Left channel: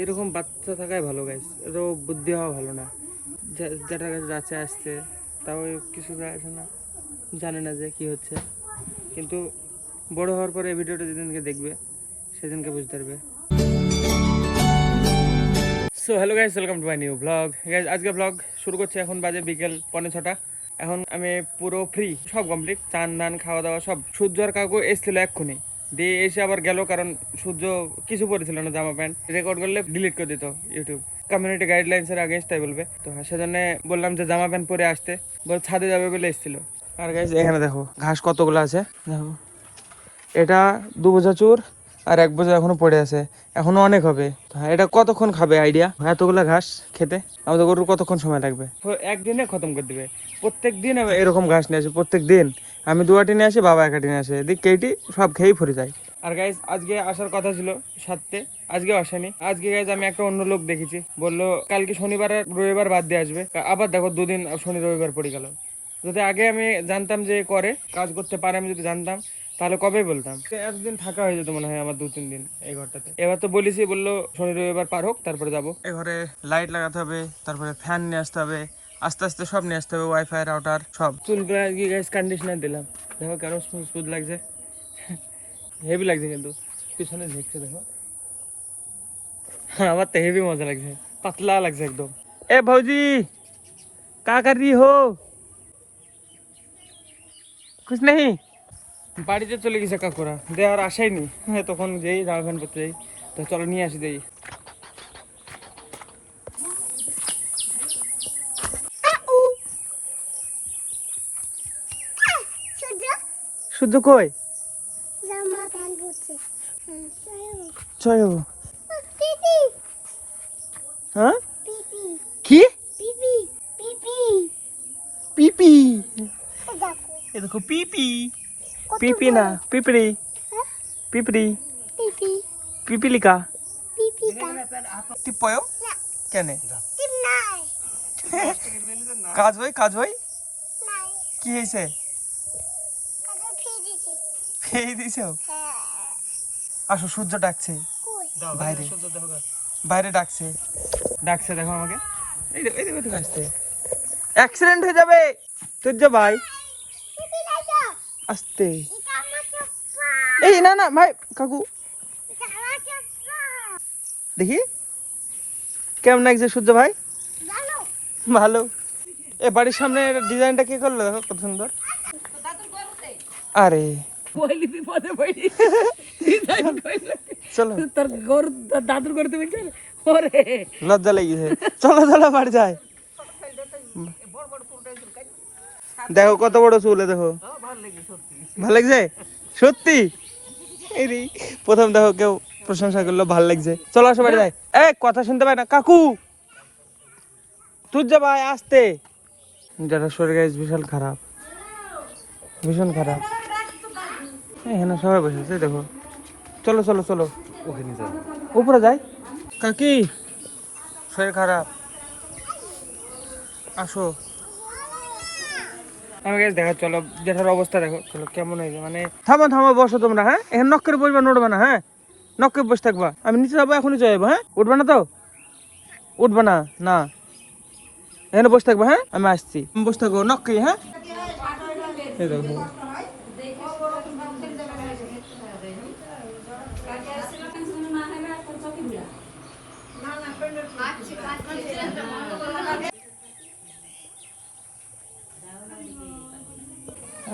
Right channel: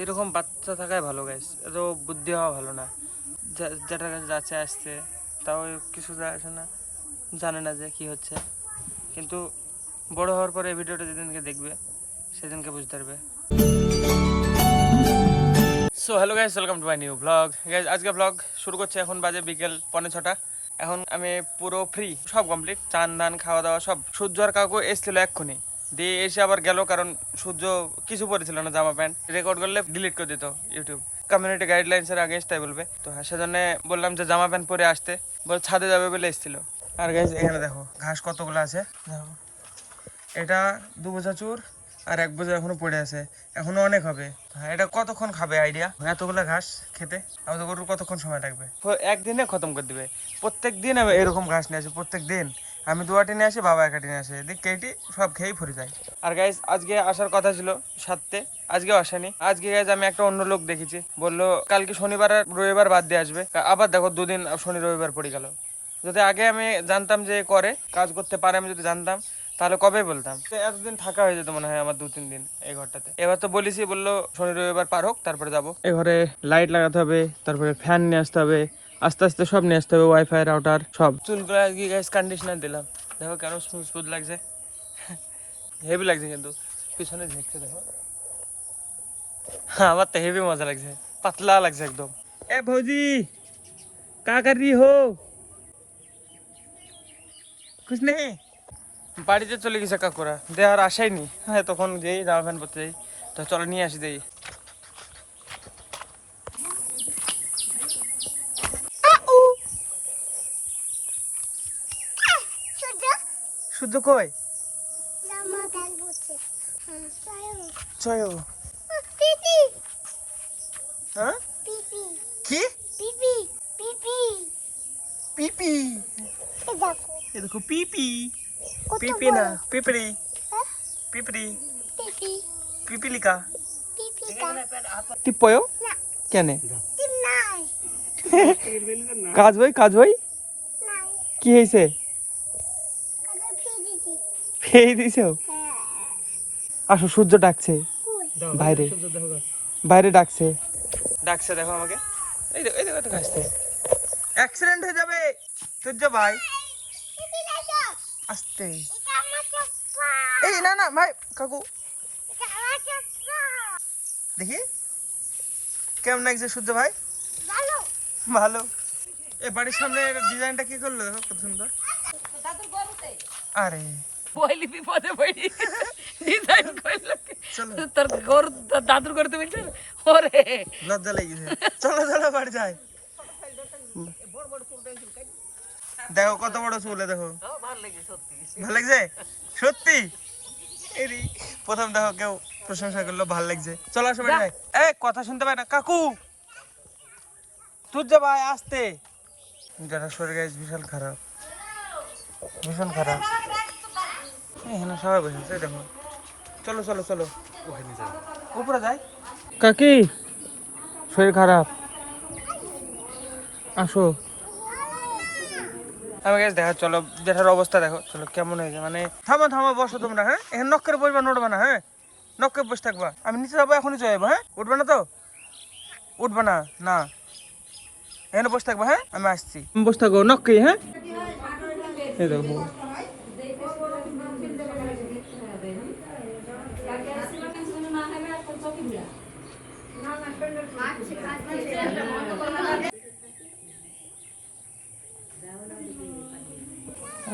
এরকম বাচ্চা থাকাই ভালো গাইস, এত বুদ্ধি হওয়া ভালো না। যেটার কাছে যাচ্ছে আসছে, তাও কিছু আসে না, জানে না যে কি হচ্ছে। কিন্তু বড় হওয়ার পরে এই ভিডিওটা যেদিনকে দেখবে সেদিনকে বুঝতে পারবে। So hello guys, welcome to my new blog. Guys আজকে ব্লগ শুরু করছে, এখন বাজে বিকেল 5:45। এখন আমি পুরো ফ্রি, সব কমপ্লিট, চান ধান খাওয়া দাওয়া সব। সূর্য আর কাকু এসেছিল এক্ষুনি, দিয়ে এসে আবার গেল, কারণ সূর্য কিছু পরেছিল না, জামা প্যান্ট। রেকর্ড করলে ডিলিট করে দিত ইউটিউব, কমিউনিটি গাইডলাইন্স এর আগেন্স্ট তাই বলবে। তো সেজন্য বললাম যে জামা প্যান্ট পরে আসতে, বল ছাদে যাবে বলে এসেছিল। আর গাইস এখানে দেখো ঘাস কতগুলো আছে, দেখো এটা 2 বোঝা চুর আর 1 বোঝা এখনো পড়ে আছে, এখনো অনেক হবে। হ্যাঁ, এটা কতক্ষণ খাবে আইডিয়া, এতগুলা ঘাস খেতে আমাদের গরুর কতক্ষণ সময় লাগবে? তো একদিনে খতম করে দিবে। প্রত্যেক দিন আমি এরকম ঘাস নিয়ে আসি, প্রত্যেক দিন আমি 2 আটি নিয়ে আসি, বাবা 1 আটি নিয়ে আসে, এদিক কেটি সব খেয়েই ফুরে যায়। আর গাইজ আজকে আসার কথা ছিল 7টে, আজকেও আসেনি। আজকে গাইজ আমি একটা অন্য লোক দেখেছি, বললো কালকে শনিবার আর রবিবার বাদ দিয়ে আসবে। আবার দেখো 2 দিন শনি রবিবার পড়ে গেল। যদি আগে আমি জানতাম যে করে কাজ করতে পারে, আমি যদি জানতাম তাহলে কবে বলতাম। এতদিন থাকা হয়ে যেত মনে হয় আমার 2-3 দিন এই ঘরটাতে। এবার তো বলেছি, বললো শনি রবিবার পার হোক তারপরে যাবো। এই ঘরে লাইট লাগাতে হবে, তারপরে ফ্যান নিয়ে আসতে হবে, আস্তে আস্তে সব নিয়ে আসতে হবে, ওয়াইফাই রাউটার সব। চুল গিয়ে গাইস কন্ডিশনার দিলাম, দেখো কেন স্মুথ লাগছে, হেভি লাগছে। কিন্তু পিছনে ঝুঁকছে দেখো, হ্যাঁ আমার তো হেভি মজা লাগছে, পাতলা লাগছে একদম। এ ভৌজি কা কর रही हो? कुछ नहीं। বাড়িতে চলে গেছে কাকুরা, দে আর আসাইনি। হ্যাঁ তখন যেই জামা প্যান্ট পরতে যাই, তো চলো নিয়ে আসি দেই। শুদ্ধ কই চয় হ্যাঁ কি পিপি, এ দেখো পিপি, পিপি না পিপড়ি, পিপড়ি পিপিলিকা টিপয় কেন কাজ ভাই, কাজ ভাই কি হয়েছে? ফেই দিছ? আসো, সূর্য ডাকছে বাইরে, বাইরে ডাকছে, ডাকছে দেখো আমাকে। এই দেখো, এই দেখো তো আসছে, অ্যাক্সিডেন্ট হয়ে যাবে সূর্য ভাই, আসতে। এই না না ভাই কাকু, দেখি কেমন লাগছে সূর্য ভাই? ভালো। এ বাড়ির সামনে ডিজাইনটা কি করলো, দেখো কত সুন্দর। আরে পয়লি বিপদে পড়ি ডিজাইন কইলো, চলো, তোর গরু দাদুর করে তুমি চলে ওরে লজ্জা লেগেছে, চলো চলো বাড়ি যাই। দেখো কত বড় চুলে, দেখো ভালো লাগছে সত্যি। এই রে, প্রথম দেখো কেউ প্রশংসা করলো, ভালো লাগছে। চলো আসো বাড়ি যাই। এই কথা শুনতে পাই না কাকু, তুই যা ভাই আসতে। যারা শরীর গাইজ বিশাল খারাপ, ভীষণ খারাপ। এখানে সবাই বসে আছে দেখো, চলো চলো চলো ওখানে যাই, উপরে যাই। কাকি শরীর খারাপ, আসো। আমি গাইজ দেখা, চলো যেটার অবস্থা দেখো, চলো কেমন হয়েছে। মানে থামো থামো, বসো তোমরা, হ্যাঁ এখানে নক করে বসবা, নড়বা না, হ্যাঁ নক করে বসে থাকবা। আমি নিচে যাবো, এখনই চলে যাবো, হ্যাঁ উঠবা না তো, উঠবা না না, এখানে বসে থাকবা, হ্যাঁ আমি আসছি, বসে থাকো নক করে, হ্যাঁ। এই দেখো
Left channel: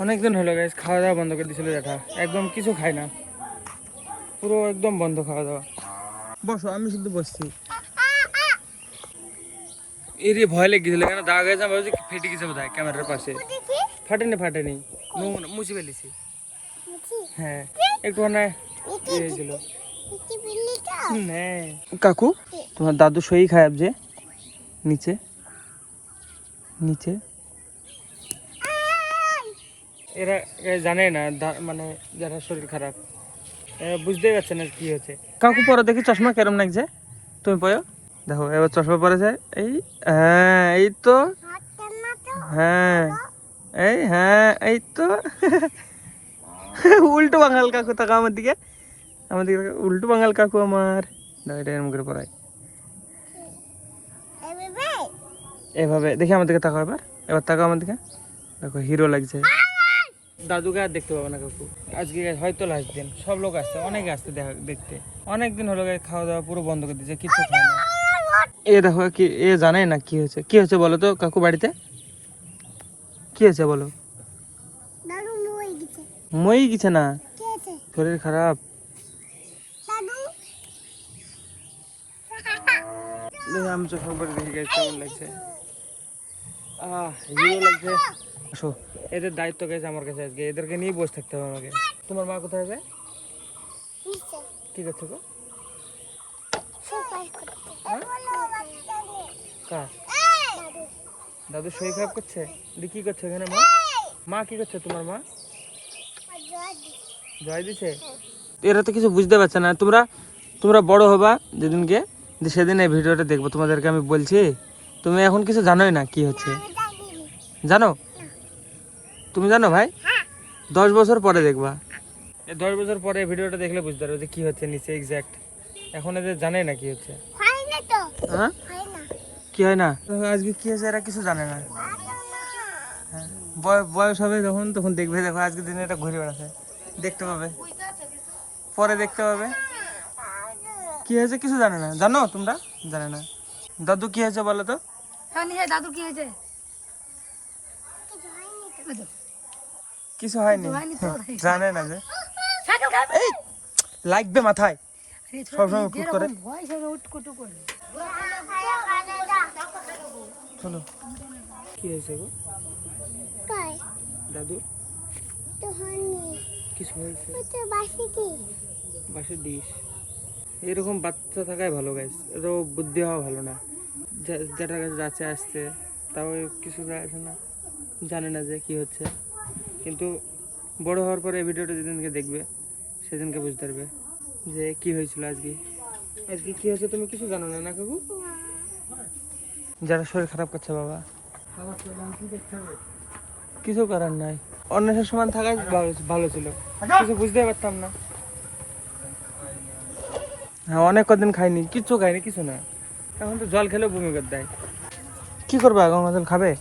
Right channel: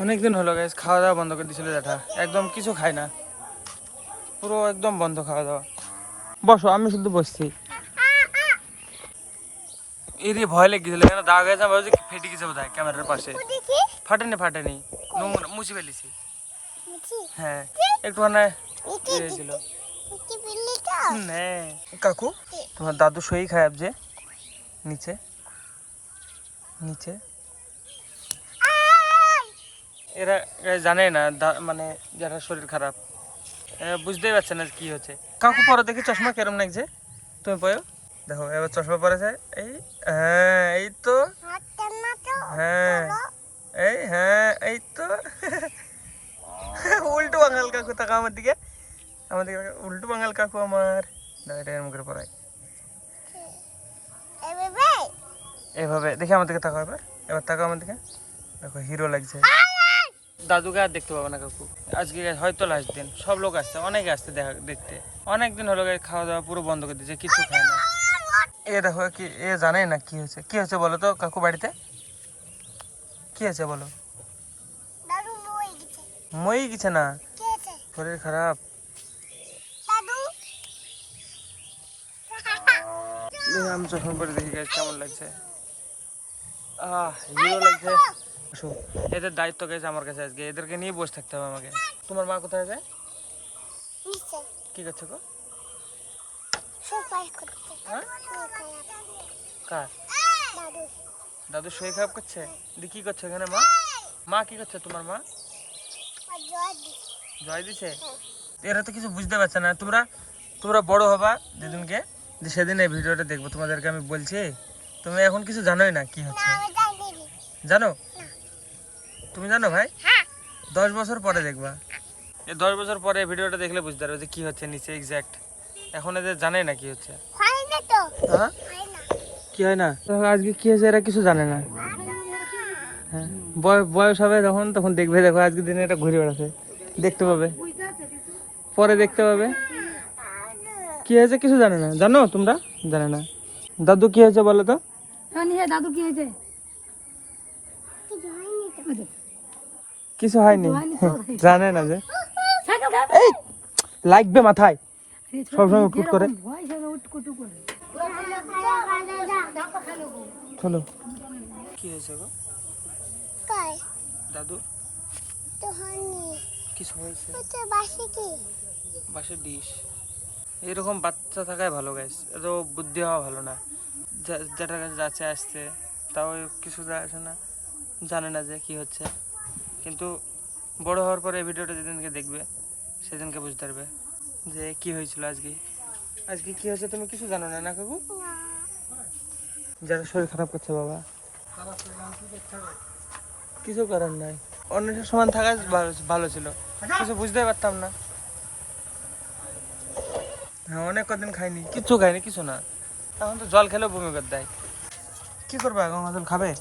অনেকদিন হলো গাইজ, খাওয়া দাওয়া বন্ধ করে দিয়েছিল জ্যাঠা, একদম কিছু খায় না, পুরো একদম বন্ধ খাওয়া দাওয়া। বসো, আমি শুধু বসছি। এর ভয় লেগেছিল, কেন দাগ হয়েছে, ভাবছি ফেটে গেছে বোধ হয় ক্যামেরার পাশে। ফাটেনি ফাটেনি, মুছে ফেলেছি। হ্যাঁ একটুখানে হয়েছিল। কাকু তোমার দাদু সই খায় যে নিচে নিচে, এরা জানে না, মানে যারা শরীর খারাপ বুঝতেই পারছে না কি হচ্ছে। কাকু পরে দেখি চশমা কেরম লাগছে, তুমি পয়ো দেখো, এবার চশমা পরেছে। এই হ্যাঁ এই তো, হ্যাঁ এই হ্যাঁ এই তো। উল্টো বাঙাল কাকু, তাকা আমার দিকে, আমার দিকে উল্টো বাঙাল কাকু আমার। দেখো এটা এরম করে পড়ায়, এভাবে দেখি আমার দিকে তাকাও, এবার এবার তাকাও আমার দিকে, দেখো হিরো লাগছে। দাদুকে আর দেখতে পাবো না কাকু আজকে, হয়তো লাস্ট দিন। সব লোক আসছে, অনেকে আসছে দেখতে। অনেকদিন হলো খাওয়া দাওয়া পুরো বন্ধ করে দিয়েছে, কিছু খায় না। এ দেখো কি, এ জানে না কি হয়েছে। কি হয়েছে বলো তো কাকু বাড়িতে, কি হয়েছে বলো? মই গেছে না, শরীর খারাপ। দেখি আমি যখন করে দেখি কেমন লাগছে। হিরো লাগছে। আসো, এদের দায়িত্ব গেছে আমার কাছে আজকে, এদেরকে নিয়ে বসে থাকতে হবে আমাকে। তোমার মা কোথায় যায়? কি করছে গো? কার? দাদু শরীর খারাপ করছে? কি করছে এখানে মা? মা কি করছে তোমার মা? জয় দিছে। এরা তো কিছু বুঝতে পারছে না। তোমরা বড় হবা যেদিনকে, সেদিন এই ভিডিওটা দেখবো। তোমাদেরকে আমি বলছি, তুমি এখন কিছু জানোই না কি হচ্ছে। জানো? তুমি জানো ভাই? 10 বছর পরে দেখবা। এই 10 বছর পরে ভিডিওটা দেখলে বুঝতে পারবে যে কি হচ্ছে নিচে এক্সাক্ট। এখন এদের জানাই না কি হচ্ছে। হ্যাঁ, কি হয় না? আজকে কি হয়েছে এরা কিছু জানে না। হ্যাঁ, বয়স হবে তখন দেখবে। দেখো আজকে দিনে এটা ঘুরে বেড়াচ্ছে, দেখতে পাবে, পরে দেখতে পাবে। কি হয়েছে কিছু জানে না। জানো তোমরা? জানে না। দাদু কি হয়েছে বলো তো? দাদু কি হয়েছে? কিছু হয়নি, জানে না যে। এই লাগবে মাথায় সবসময় উঠকুট করে। চলো, কি হয়েছে গো দাদু? কিছু হয়েছে? বাসের ডিশ। এরকম বাচ্চা থাকাই ভালো গাইস, এত বুদ্ধি হওয়া ভালো না। যেটার কাছে যাচ্ছে আসছে, তাও কিছু আসে না, জানে না যে কি হচ্ছে। কিন্তু বড় হওয়ার পরে এই ভিডিওটা যেদিনকে দেখবে সেদিনকে বুঝতে পারবে যে কি হয়েছিল আজকে। আজকে কি হয়েছে তুমি কিছু জানো না, না কাকু? যারা শরীর খারাপ করছে বাবা, কিছু করার নাই। অন্যের সমান থাকা ভালো ছিল, কিছু বুঝতে পারতাম না। হ্যাঁ, অনেক কদিন খাইনি, কিছু না। এখন তো জল খেলেও বমি করে দেয়। কি করবা, গঙ্গা জল খাবে?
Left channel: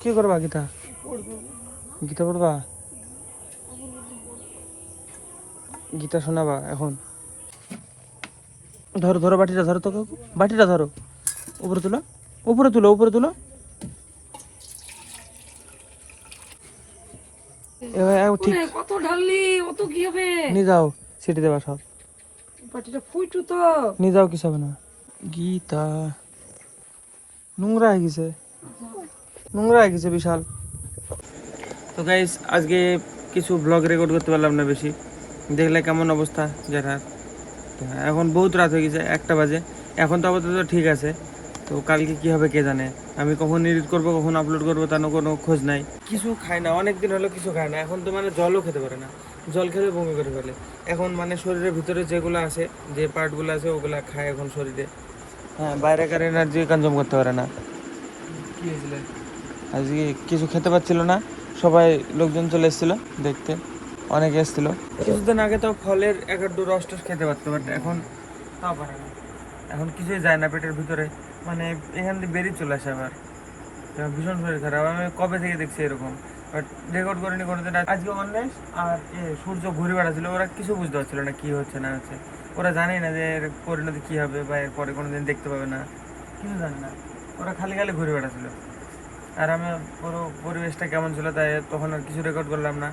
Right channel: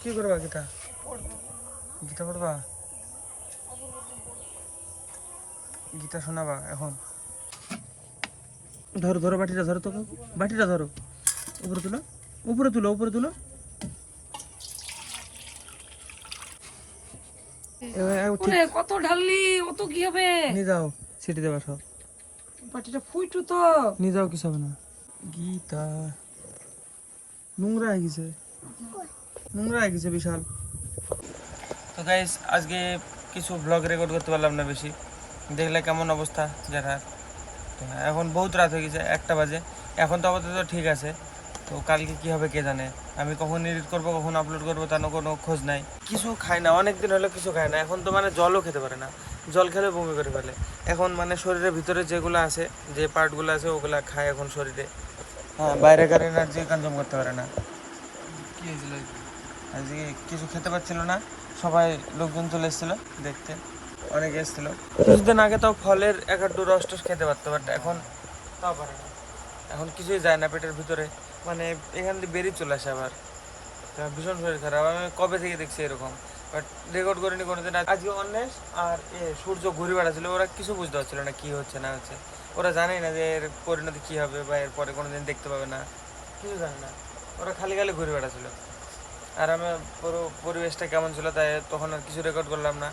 কি করবা গীতা? গীতা পড়বা? গীতা শোনাবা এখন? ধরো বাটিটা ধরো তো, বাটিটা ধরো, উপরে তুলো। কত ঢাললি, অত কি হবে? নিয়ে যাও, সিটি দেবা সব। পাটিটা ফুইটু তো নিয়ে যাও, কিছু হবে না। গীতা নোংরা হয়ে গেছে বিশাল। তো গাইস আজকে কিছু ব্লগ রেকর্ড করতে পারলাম না বেশি, দেখলে কেমন অবস্থা যেটা। তো এখন বহুত রাত হয়ে গেছে, 1টা বাজে। এখন তো আপাতত ঠিক আছে, তো কালকে কি হবে কে জানে। আমি কখন এডিট করবো, কখন আপলোড করবো, তার কোনো খোঁজ নাই। কিছু খায় না, অনেকদিন হলো কিছু খায় না। এখন তো মানে জলও খেতে পারে না, জল খেলে বমি করে ফেলে। এখন মানে শরীরের ভিতরে যেগুলো আছে, যে পার্টগুলো আছে ওগুলা খায় এখন শরীরে। হ্যাঁ, বাইরেকার এনার্জি কনজিউম করতে পারে না। কি হয়েছিল আজকে? কিছু খেতে পারছিল না, সবাই লোকজন চলে এসেছিল দেখতে, অনেকে এসেছিল। কিছুদিন আগে তো ফলের 1-2 রস টস খেতে পারতো, বাট এখন তাও পারে না। এখন কিছুই যায় না পেটের ভিতরে, মানে এখান থেকে বেরিয়ে চলে আসে আবার। ভীষণ শরীর খারাপ, আমি কবে থেকে দেখছি এরকম, বাট রেকর্ড করিনি কোনোদিন। আজকে অন্বেষ আর সূর্য ঘুরে বেড়াচ্ছিল, ওরা কিছু বুঝতে পারছিল না কি হচ্ছে না হচ্ছে। ওরা জানেই না যে এর পরিণতি কী হবে বা এর পরে কোনোদিন দেখতে পাবে না, কিছু জানে না। ওরা খালি ঘুরে বেড়াচ্ছিল। আর আমি পুরো পরিবেশটা কেমন ছিল তাই তখন আর কিছু রেকর্ড করলাম না।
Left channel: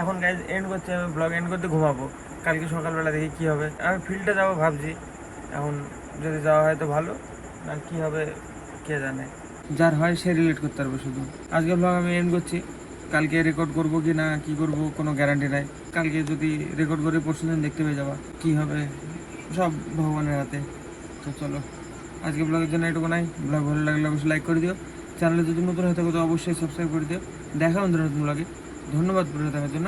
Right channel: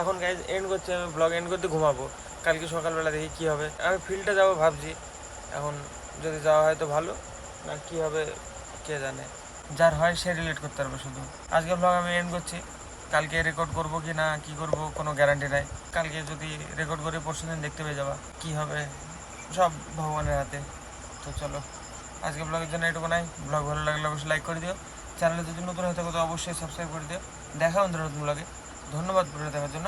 এখন গাইজ এন্ড করছি, আমি ব্লগ এন্ড করতে ঘুমাবো। কালকে সকালবেলা দেখি কী হবে। আমি ফিল্ডে যাবো ভাবছি, এখন যদি যাওয়া হয় তো ভালো, আর কী হবে কে জানে। যার হয় সে রিলেট করতে পারবে শুধু। আজকে ব্লগ আমি এন্ড করছি, কালকে রেকর্ড করবো কি না কী করবো কোনো গ্যারান্টি নাই। কালকে যদি রেকর্ড করি পরশু দিন দেখতে পেয়ে যাবো কী হবে, সব ভগবানের হাতে। তো চলো, আজকে ব্লগের জন্য এটুকু নাই। ব্লগ ভালো লাগলে অবশ্যই লাইক করে দিও, চ্যানেলে যদি নতুন হয়ে থাকো তো অবশ্যই সাবস্ক্রাইব করে দিও। দেখা বন্ধুরা নতুন ব্লগে। ধন্যবাদ ভিডিও দেখার জন্য।